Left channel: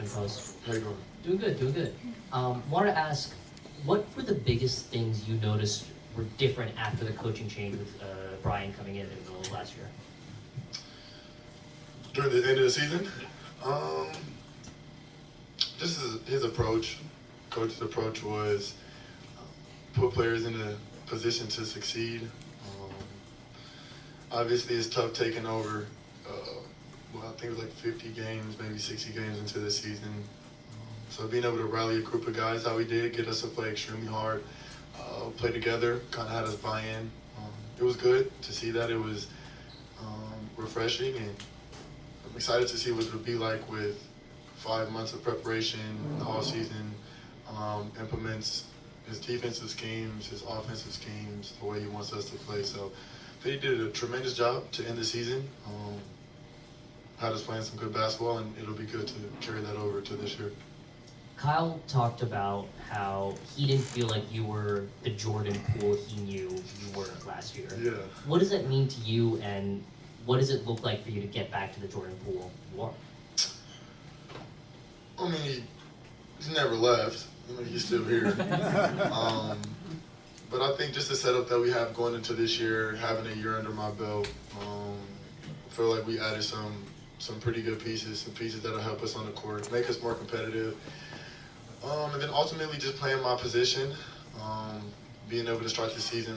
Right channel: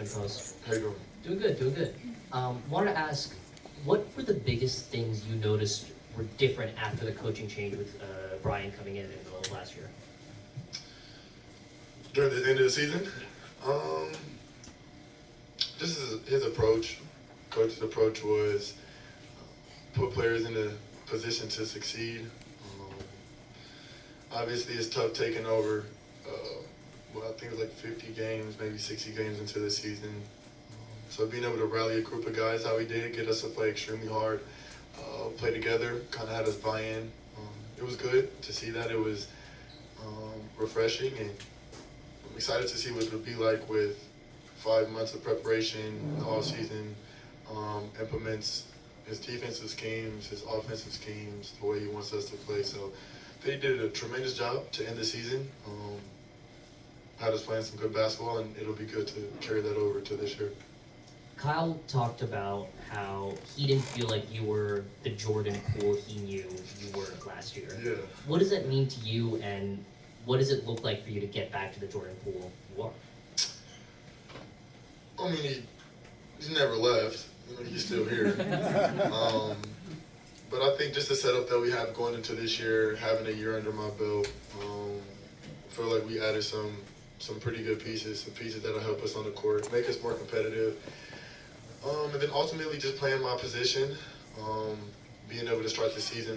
Washington Post. How you doing? Doing good, doing good. Wanted to ask, what were the biggest things you noticed were different after the coaching change with Brian coming in the middle of last year? During the end of the season, just his approach. Coach's approach was put players in a position to succeed. Obviously, it's tough taking over. I think it was like 50 games, maybe 60 games into the season. So being able to rally a group of guys how we did, get us to play extremely hard, play together, kind of had us buy in. It was good to see that. It was refreshing, and I'm excited to see what it'll be like with 5 months of preparation in the off season. Implements his defensive schemes, his offensive schemes, the way he wants us to play. So they did a tremendous job to end the season. Had us playing some good basketball, and it'll be good to carry that over to this year. Kyle talked about how he didn't feel like you were the Jordan Poole he knew you were last year. Yeah. What does that mean to you, and what does it look like for you to get back to the Jordan Poole you are? I mean, he's never left. I mean, he's still here. But I think just the setup that we have going into this year, having a year under my belt, I feel like we added some pretty good pieces, some pieces that'll help us on the court, make us more competitive. And then ultimately just playing my position, being able to start the season,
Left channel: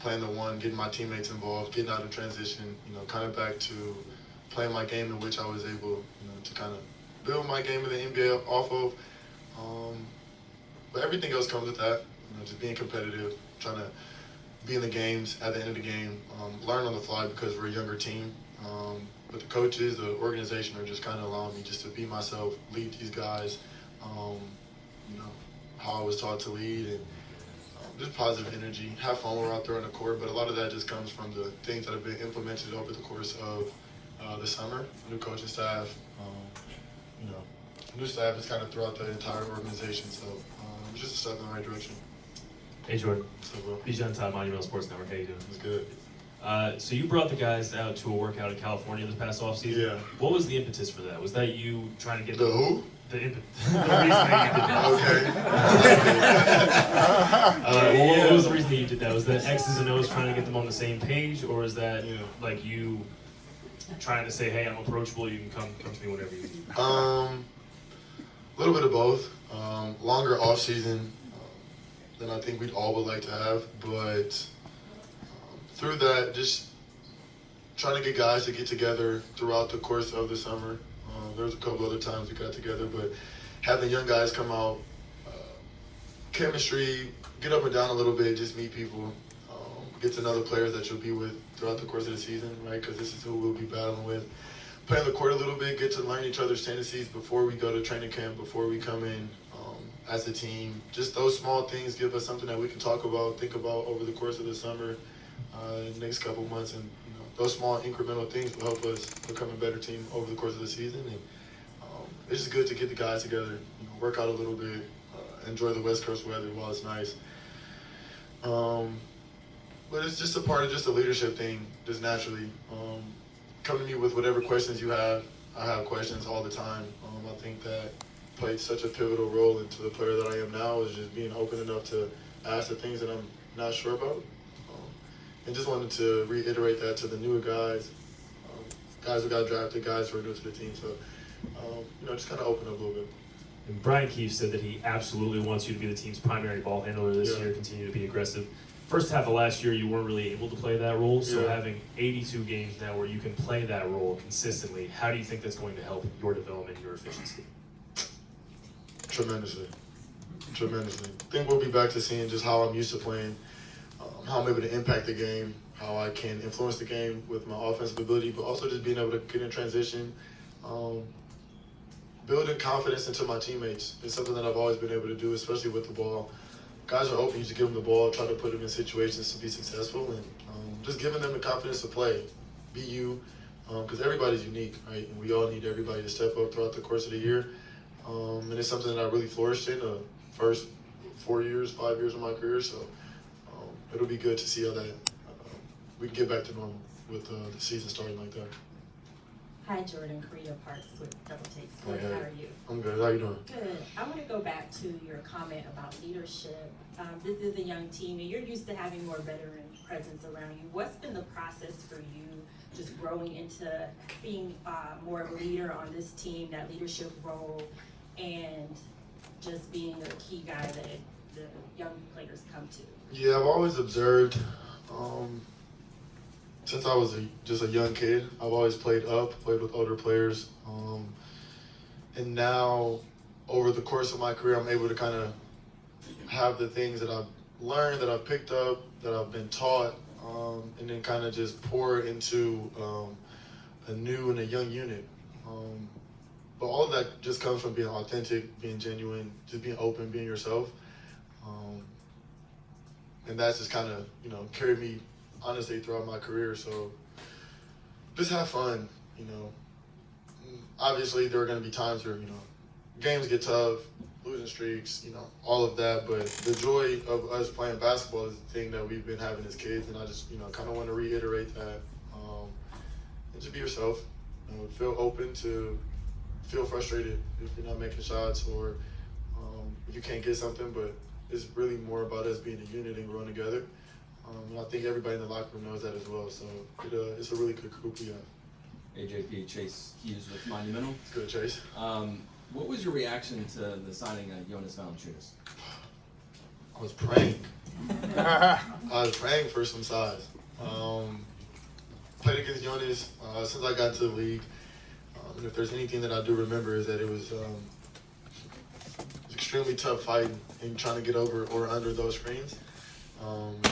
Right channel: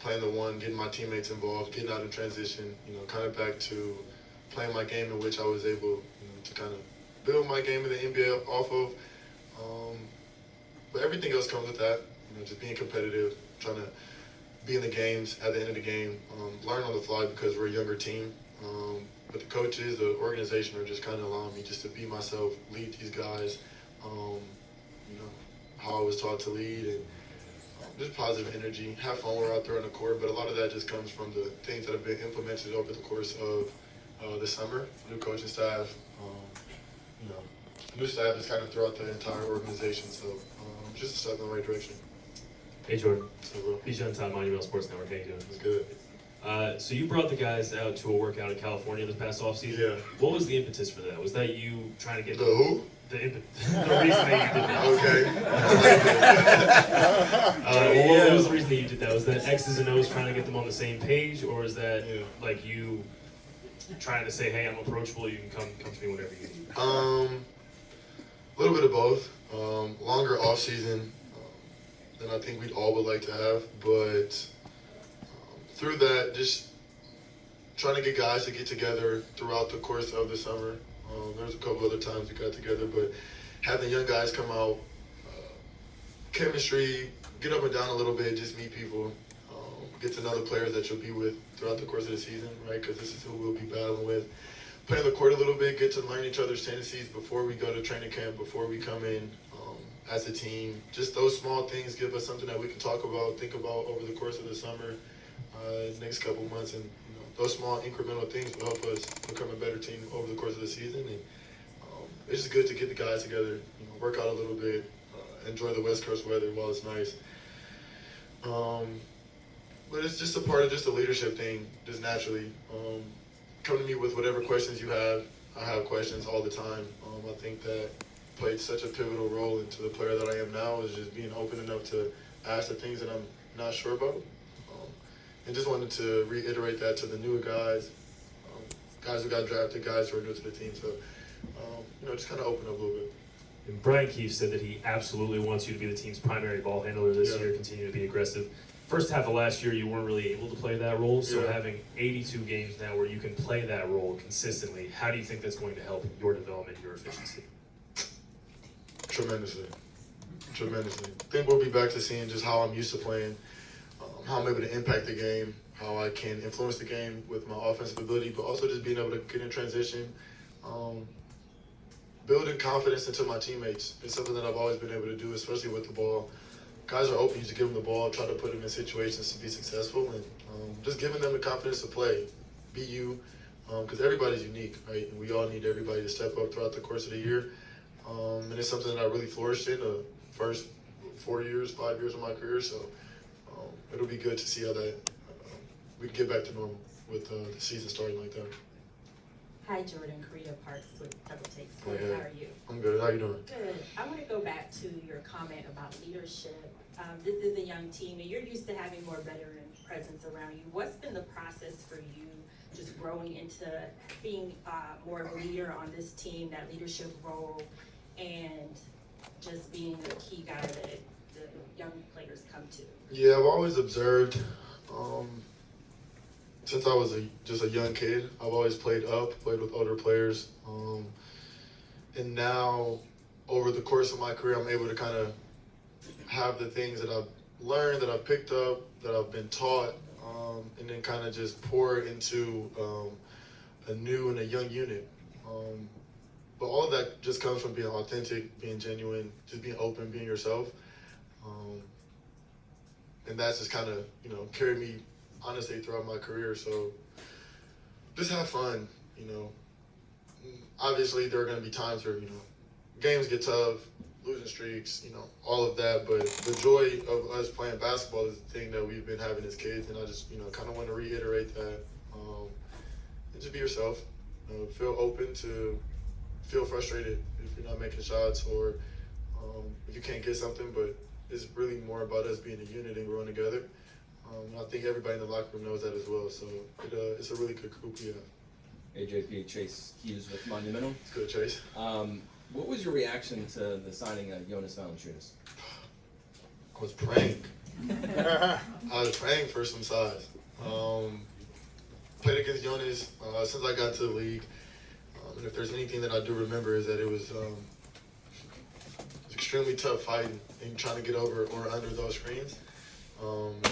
playing the one, getting my teammates involved, getting out in transition, kind of back to playing my game in which I was able, to kind of build my game in the NBA off of. But everything else comes with that, just being competitive, trying to be in the games at the end of the game, learn on the fly because we're a younger team. But the coaches, the organization are just kind of allowing me just to be myself, lead these guys, how I was taught to lead, and just positive energy, have fun when we're out there on the court. But a lot of that just comes from the things that have been implemented over the course of the summer, new coaching staff, new staff is kind of throughout the entire organization. So just a step in the right direction. Hey Jordan, So, bro, Bijan Todd, Monumental Sports Network. How you doing? it's good. So you brought the guys out to a workout in California this past offseason. Yeah. What was the impetus for that? Was that you trying to get The who? the reason that you did that? Okay. What was the reason that you did that? Was that X's and O's trying to get them on the same page, or was that like you trying to say, hey, I'm approachable, you can come to me whenever you need? A little bit of both. Longer off season than I think we'd all would like to have, but through that, just trying to get guys to get together throughout the course of the summer. There was a couple other times we got together, but having young guys come out, chemistry, get up and down a little bit, just meet people, get to know the players that you'll be with throughout the course of the season, right? Because this is who we'll be battling with. Play on the court a little bit, get to learn each other's tendencies before we go to training camp, before we come in as a team. Just those small things give us something that we can talk about, think about over the course of the summer, next couple months, and those small incremental things will help us become a better team over the course of the season. And it's just good to get the guys together, work out a little bit, enjoy the West Coast weather while it's nice. But it's just a part of just the leadership thing, just naturally. Come to me with whatever questions you have. I have questions all the time. I think that played such a pivotal role into the player that I am now, is just being open enough to ask the things that I'm not sure about. And just wanted to reiterate that to the newer guys, guys who got drafted, guys who are new to the team. So, just kind of open up a little bit. And Brian Keefe said that he absolutely wants you to be the team's primary ball handler this year, continue to be aggressive. First half of last year, you weren't really able to play that role, so having 82 games now where you can play that role consistently, how do you think that's going to help your development, your efficiency? Tremendously. I think we'll be back to seeing just how I'm used to playing, how I'm able to impact the game, how I can influence the game with my offensive ability, but also just being able to get in transition, building confidence into my teammates. It's something that I've always been able to do, especially with the ball. Guys are open, you just give them the ball, try to put them in situations to be successful, and just giving them the confidence to play, be you, because everybody's unique, right? And we all need everybody to step up throughout the course of the year. And it's something that I really flourished in the first 5 years of my career. So it'll be good to see how that we can get back to normal with the season starting like that. Hi, Jordan. Karina Parks with Double Take Sports. Hey, hey. How are you? I'm good. How you doing? Good. I want to go back to your comment about leadership. This is a young team, and you're used to having more veteran presence around you. What's been the process for you just growing into being more of a leader on this team, that leadership role, and just being a key guy that the young players come to? Yeah, I've always observed. Since I was just a young kid, I've always played with older players. And now, over the course of my career, I'm able to kind of have the things that I've learned, that I've picked up, that I've been taught, and then kind of just pour it into a new and a young unit. But all of that just comes from being authentic, being genuine, just being open, being yourself. And that's just kind of, carried me honestly throughout my career. So just have fun, Obviously, there are going to be times where, games get tough, losing streaks, all of that. But the joy of us playing basketball is the thing that we've been having as kids. And I just, kind of want to reiterate that. And just be yourself. Feel open to feel frustrated if you're not making shots or if you can't get something. But it's really more about us being a unit and growing together. And I think everybody in the locker room knows that as well. So it's a really good group we have. AJP, Chase Hughes with Monumental. It's good, Chase. What was your reaction to the signing of Jonas Valanciunas? I was praying. I was praying for some size. Played against Jonas since I got into the league. And if there's anything that I do remember is that it was extremely tough fighting and trying to get over or under those screens.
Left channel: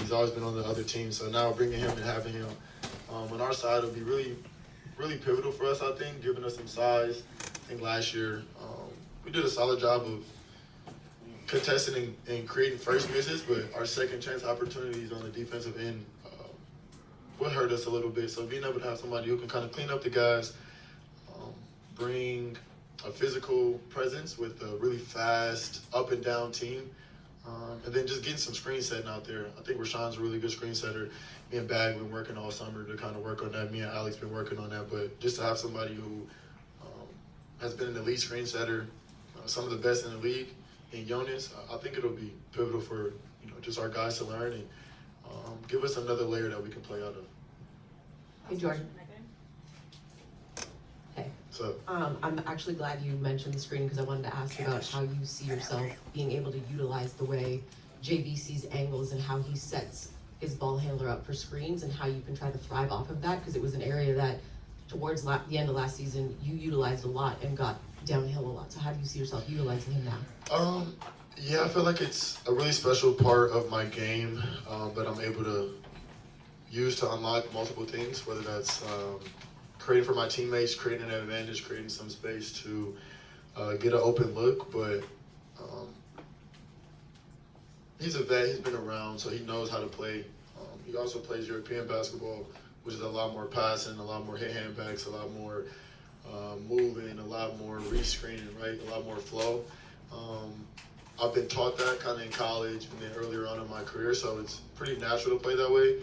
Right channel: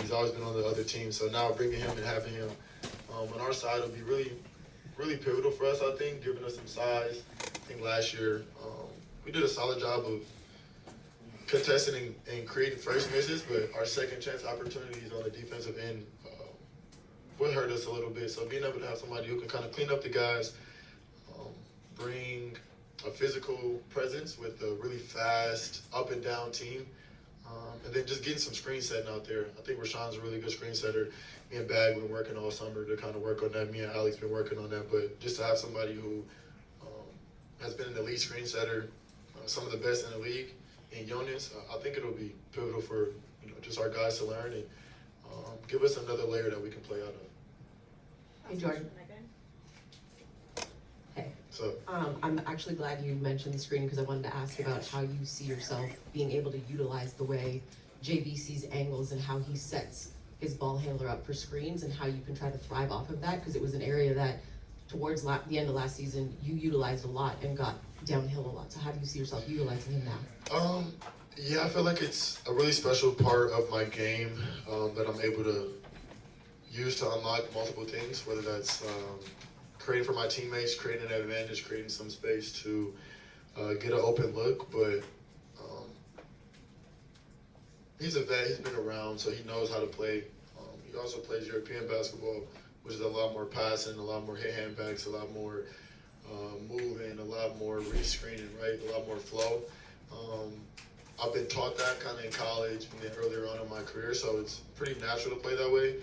He's always been on the other team, so now bringing him and having him on our side will be really, really pivotal for us, I think, giving us some size. I think last year we did a solid job of contesting and creating first misses, but our second chance opportunities on the defensive end would hurt us a little bit. So being able to have somebody who can kind of clean up the guys, bring a physical presence with a really fast up and down team, and then just getting some screen setting out there. I think Rashawn's a really good screen setter. Me and Bag been working all summer to kind of work on that. Me and Alex been working on that. But just to have somebody who has been an elite screen setter, some of the best in the league, in Jonas, I think it'll be pivotal for just our guys to learn and give us another layer that we can play out of. Hey, Jordan. Hey. So I'm actually glad you mentioned the screen because I wanted to ask about how you see yourself being able to utilize the way JV sees angles and how he sets his ball handler up for screens and how you can try to thrive off of that, because it was an area that towards the end of last season you utilized a lot and got downhill a lot. So how do you see yourself utilizing him now? Yeah, I feel like it's a really special part of my game that I'm able to use to unlock multiple things, whether that's creating for my teammates, creating an advantage, creating some space to get an open look. But he's a vet, he's been around, so he knows how to play. He also plays European basketball, which is a lot more passing, a lot more hit handbacks, a lot more moving, a lot more re-screening, right? A lot more flow. I've been taught that kind of in college and then earlier on in my career, so it's pretty natural to play that way.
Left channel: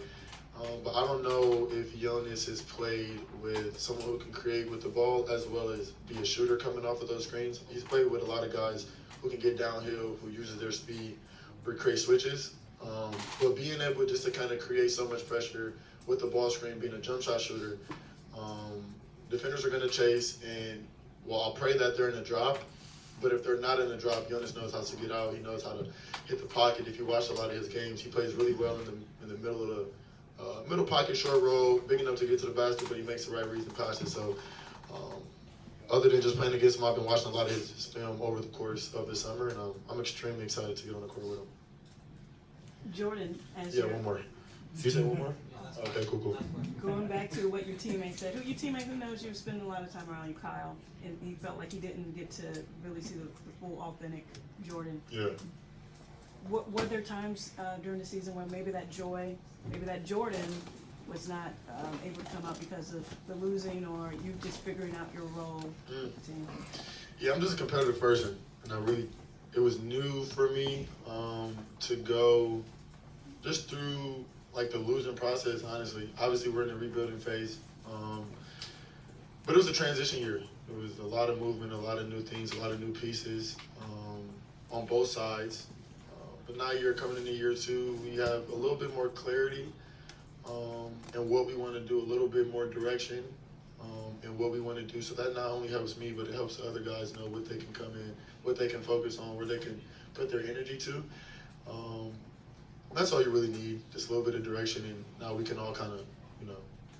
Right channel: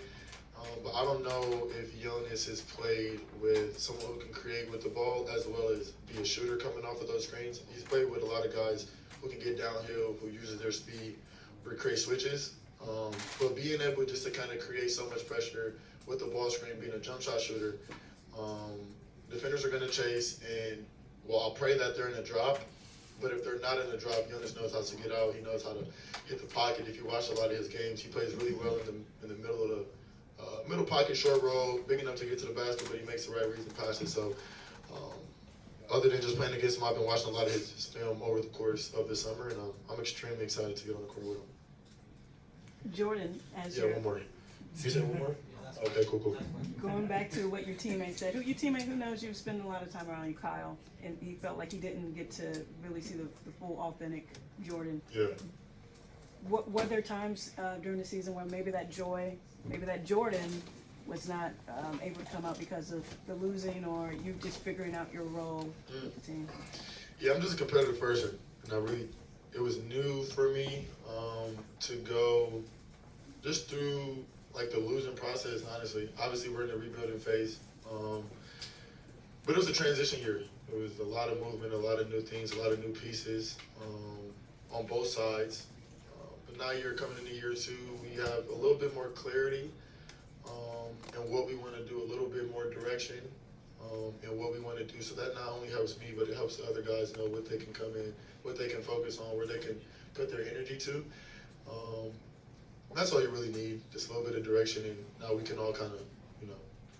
But I don't know if Jonas has played with someone who can create with the ball as well as be a shooter coming off of those screens. He's played with a lot of guys who can get downhill, who uses their speed or create switches. But being able just to kind of create so much pressure with the ball screen, being a jump shot shooter, defenders are going to chase, and I'll pray that they're in a drop. But if they're not in a drop, Jonas knows how to get out. He knows how to hit the pocket. If you watch a lot of his games, he plays really well in the middle of the middle pocket, short roll, big enough to get to the basket, but he makes the right reads and passes. So other than just playing against him, I've been watching a lot of his film over the course of the summer, and I'm extremely excited to get on the court with him. Jordan, as Yeah, you're one more. You said one more? Okay, cool. going back to what your teammate said, your teammate who knows you spend a lot of time around you, Kyle, and he felt like he didn't get to really see the full authentic Jordan. Yeah. Were there times during the season where maybe that Jordan was not able to come out because of the losing, or you just figuring out your role with the team? Yeah, I'm just a competitive person, and it was new for me to go just through like the losing process. Honestly, obviously we're in the rebuilding phase, but it was a transition year. It was a lot of movement, a lot of new things, a lot of new pieces on both sides. But now you're coming into year two, we have a little bit more clarity and what we want to do, a little bit more direction and what we want to do. So that not only helps me, but it helps the other guys know what they can come in, what they can focus on, where they can put their energy to. That's all you really need, just a little bit of direction, and now we can all kind of,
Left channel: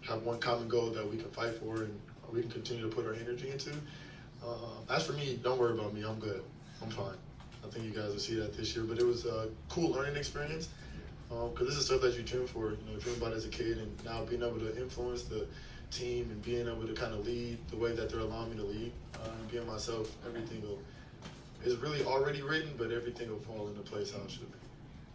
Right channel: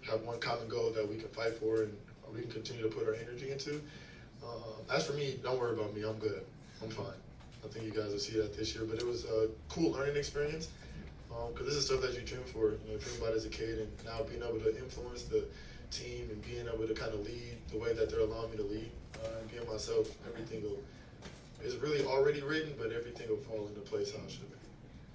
have one common goal that we can fight for and we can continue to put our energy into. As for me, don't worry about me. I'm good. I'm fine. I think you guys will see that this year. But it was a cool learning experience because this is stuff that you dream for, dream about as a kid, and now being able to influence the team and being able to kind of lead the way that they're allowing me to lead and being myself, everything is really already written, but everything will fall into place how it should be.